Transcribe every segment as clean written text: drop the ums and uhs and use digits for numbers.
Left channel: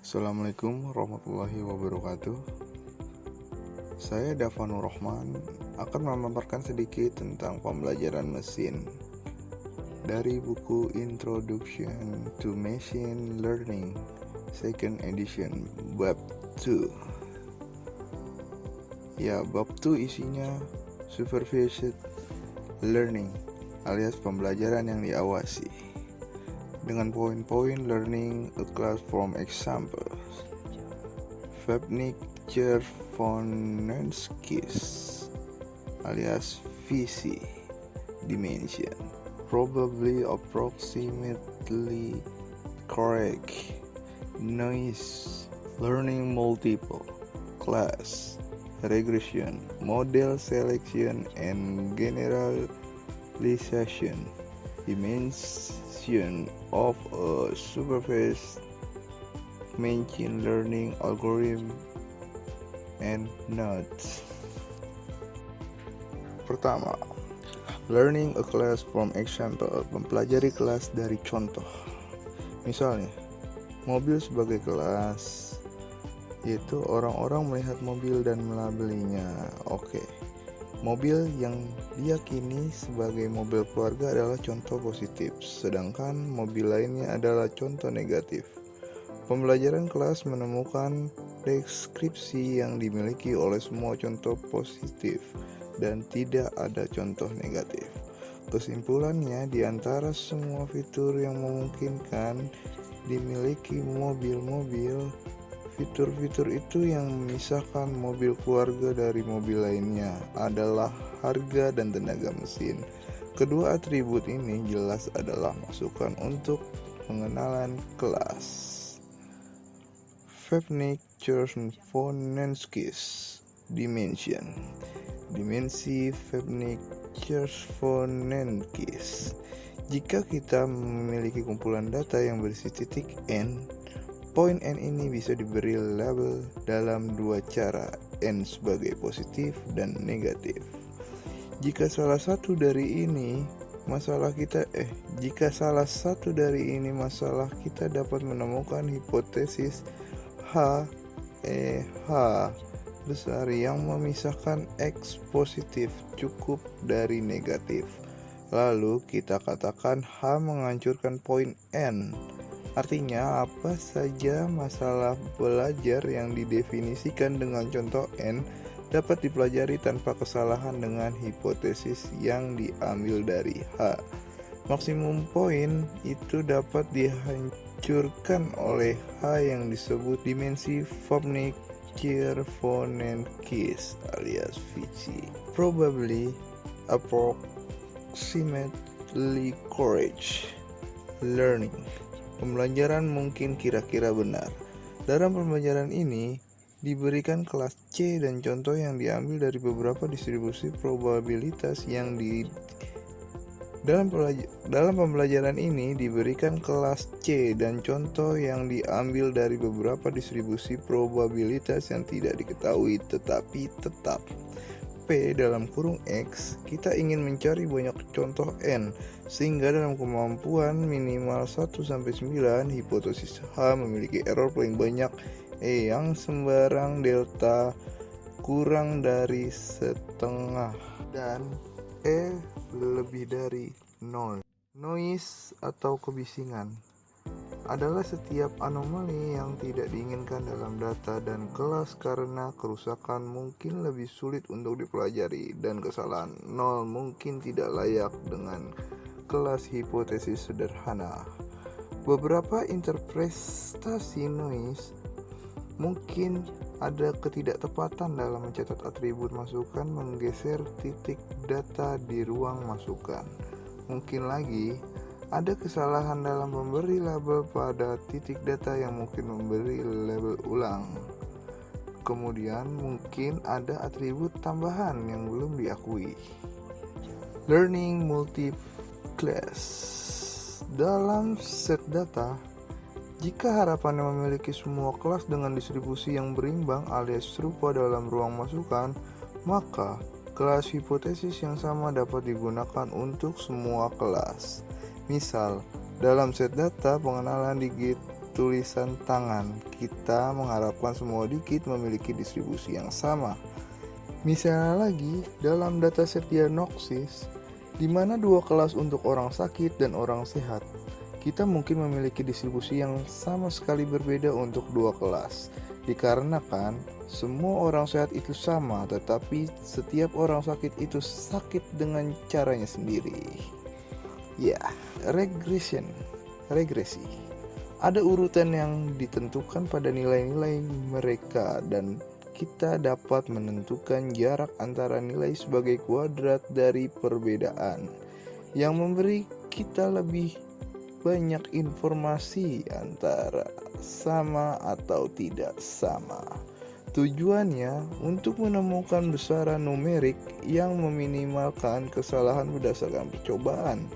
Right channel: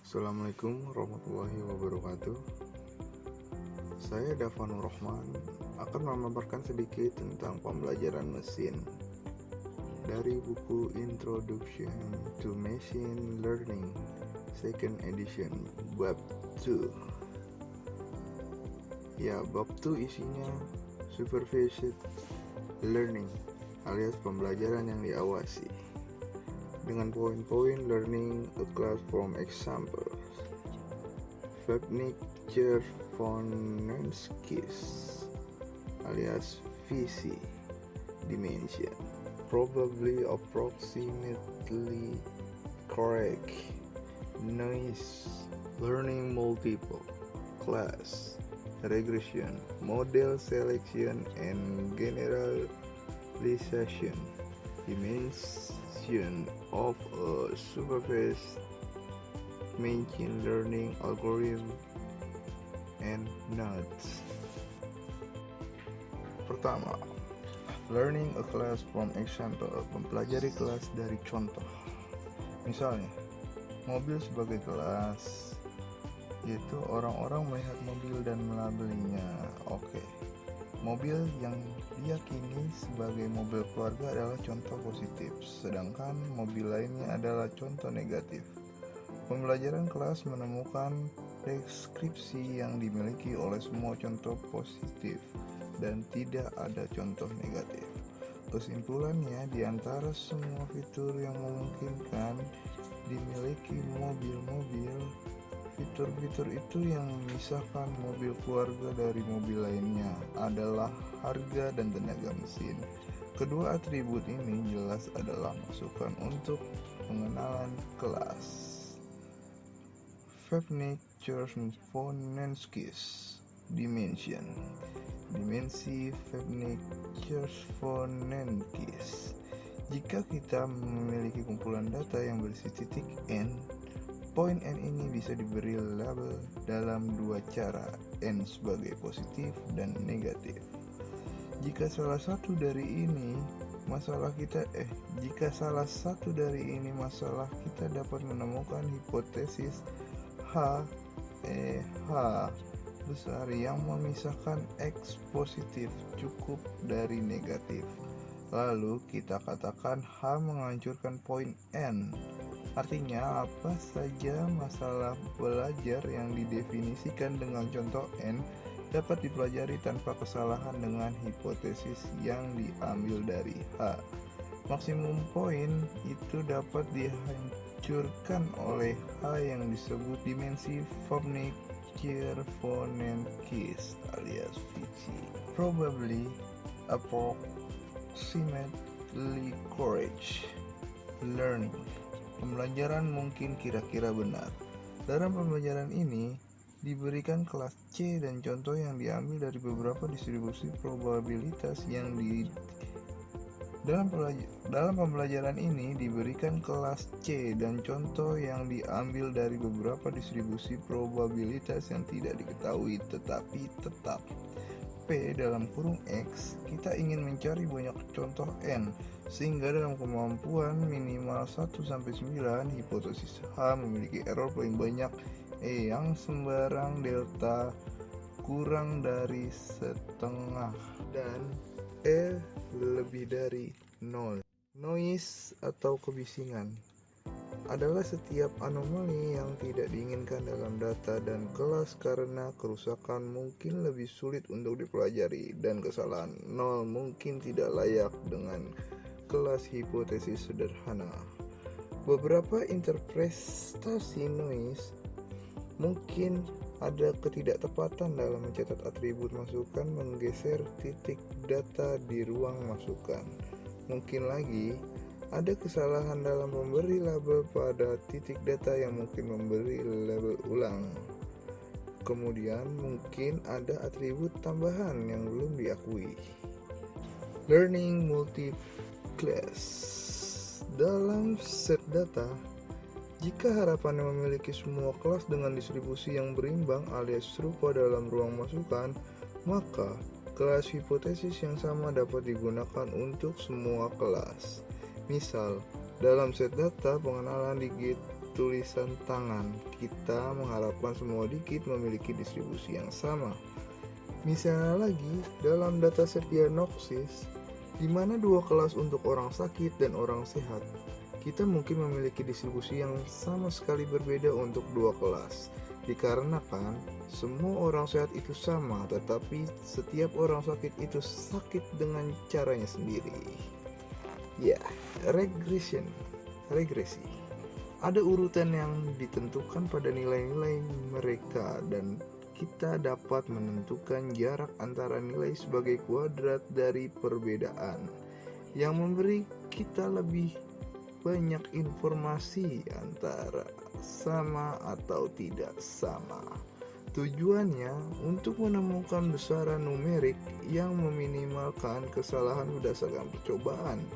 Assalamualaikum warahmatullahi wabarakatuh. Saya Davanur Rahman akan memaparkan sedikit tentang pembelajaran mesin dari buku Introduction to Machine Learning Second Edition Bab 2. Ya, bab 2 isinya Supervised Learning alias pembelajaran yang diawasi dengan poin-poin learning a class from examples. Vebnick-Chervonenkis alias VC dimension probably approximately correct noise learning multiple class regression model selection and generalization dimension of a supervised machine learning algorithm and nodes. Pertama, learning a class from example, mempelajari kelas dari contoh. Misalnya, mobil sebagai kelas, yaitu orang-orang melihat mobil dan melabelinya. Oke. Mobil yang diyakini sebagai mobil keluarga adalah contoh positif, sedangkan mobil lainnya adalah contoh negatif. Pembelajaran kelas menemukan deskripsi yang dimiliki oleh semua contoh positif dan tidak ada contoh negatif. Kesimpulannya, di antara semua fitur yang memungkinkan dimiliki mobil-mobil, fitur-fitur itu yang memisahkan mobil keluarga dari mobil lainnya adalah harga dan tenaga mesin. Kedua atribut ini jelas adalah masukan untuk pengenalan kelas. Vebnick-Chervonenkis dimension. Dimensi Vebnick-Chervonenkis. Jika kita memiliki kumpulan data yang berisi titik n, poin n ini bisa diberi label dalam dua cara, n sebagai positif dan negatif. Jika salah satu dari ini masalah kita dapat menemukan hipotesis H besar yang memisahkan X positif cukup dari negatif. Lalu kita katakan H menghancurkan poin N. Artinya apa saja masalah belajar yang didefinisikan dengan contoh N dapat dipelajari tanpa kesalahan dengan hipotesis yang diambil dari H. Maksimum poin itu dapat dihancurkan oleh H yang disebut dimensi Vebnick-Chervonenkis alias VC. Probably approximately correct learning. Pembelajaran mungkin kira-kira benar. Dalam pembelajaran ini diberikan kelas C dan contoh yang diambil dari beberapa distribusi probabilitas yang dalam pembelajaran ini diberikan kelas C dan contoh yang diambil dari beberapa distribusi probabilitas yang tidak diketahui tetapi tetap. P dalam kurung X, kita ingin mencari banyak contoh N, sehingga dalam kemampuan minimal 1-9, hipotesis H memiliki error paling banyak E yang sembarang delta kurang dari setengah dan E lebih dari 0. Noise atau kebisingan adalah setiap anomali yang tidak diinginkan dalam data dan kelas karena kerusakan mungkin lebih sulit untuk dipelajari dan kesalahan 0 mungkin tidak layak dengan kelas hipotesis sederhana. Beberapa interpretasi noise mungkin ada ketidaktepatan dalam mencatat atribut masukan menggeser titik data di ruang masukan. Mungkin lagi ada kesalahan dalam memberi label pada titik data yang mungkin memberi label ulang. Kemudian mungkin ada atribut tambahan yang belum diakui. Learning multi-class. Dalam set data, jika harapannya memiliki semua kelas dengan distribusi yang berimbang alias serupa dalam ruang masukan, maka kelas hipotesis yang sama dapat digunakan untuk semua kelas. Misal, dalam set data pengenalan digit tulisan tangan. Kita mengharapkan semua digit memiliki distribusi yang sama. Misalnya lagi, dalam dataset diagnosis, di mana dua kelas untuk orang sakit dan orang sehat, kita mungkin memiliki distribusi yang sama sekali berbeda untuk dua kelas. Dikarenakan semua orang sehat itu sama, tetapi setiap orang sakit itu sakit dengan caranya sendiri. Ya, regresi. Ada urutan yang ditentukan pada nilai-nilai mereka dan kita dapat menentukan jarak antara nilai sebagai kuadrat dari perbedaan yang memberi kita lebih banyak informasi antara sama atau tidak sama. Tujuannya untuk menemukan besaran numerik yang meminimalkan kesalahan berdasarkan percobaan.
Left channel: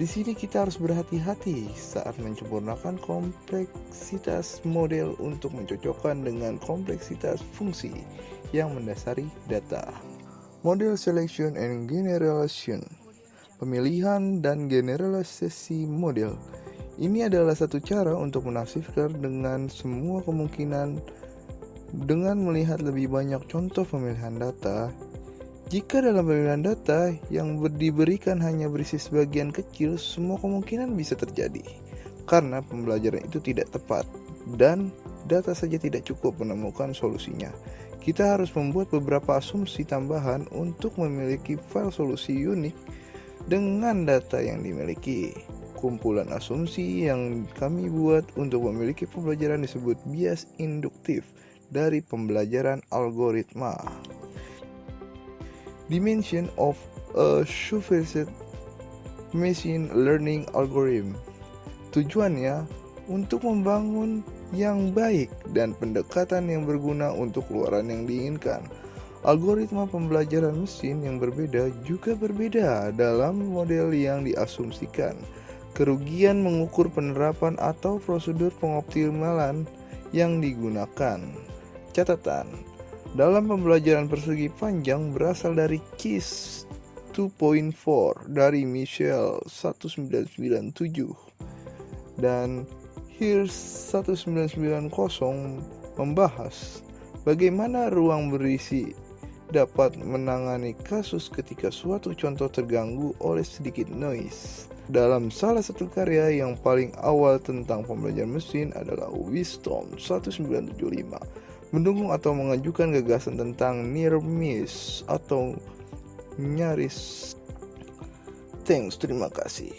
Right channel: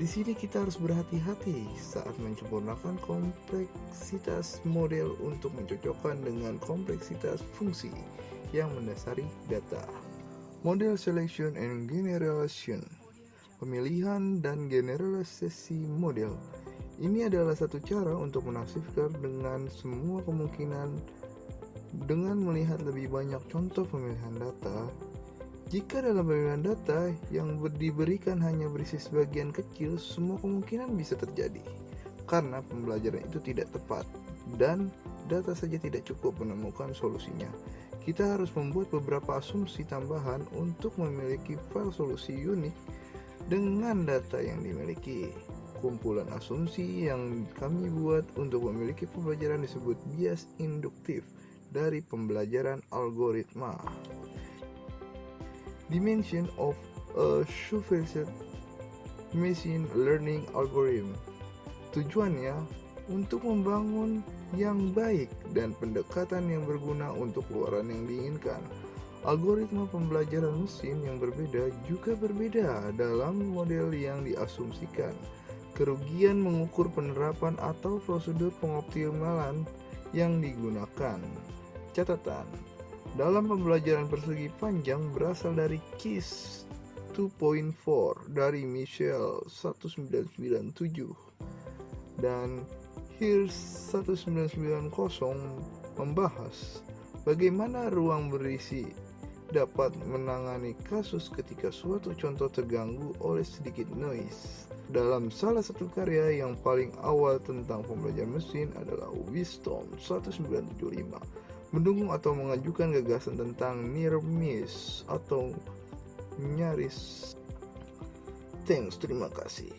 Di sini kita harus berhati-hati saat menyempurnakan kompleksitas model untuk mencocokkan dengan kompleksitas fungsi yang mendasari data. Model selection and generalization. Pemilihan dan generalisasi model. Ini adalah satu cara untuk menafsirkan dengan semua kemungkinan dengan melihat lebih banyak contoh pemilihan data. Jika dalam pemilihan data yang diberikan hanya berisi sebagian kecil, semua kemungkinan bisa terjadi karena pembelajaran itu tidak tepat dan data saja tidak cukup menemukan solusinya. Kita harus membuat beberapa asumsi tambahan untuk memiliki file solusi unik dengan data yang dimiliki. Kumpulan asumsi yang kami buat untuk memiliki pembelajaran disebut bias induktif dari pembelajaran algoritma. Dimension of a supervised machine learning algorithm. Tujuannya untuk membangun yang baik dan pendekatan yang berguna untuk keluaran yang diinginkan. Algoritma pembelajaran mesin yang berbeda juga berbeda dalam model yang diasumsikan. Kerugian mengukur penerapan atau prosedur pengoptimalan yang digunakan. Catatan: dalam pembelajaran persegi panjang berasal dari KISS 2.4 dari Michel 1997 dan Hirsch 1990 membahas bagaimana ruang berisi dapat menangani kasus ketika suatu contoh terganggu oleh sedikit noise. Dalam salah satu karya yang paling awal tentang pembelajaran mesin adalah Wisdom 1975, mendukung atau mengajukan gagasan tentang near miss atau nyaris. Thanks, terima kasih.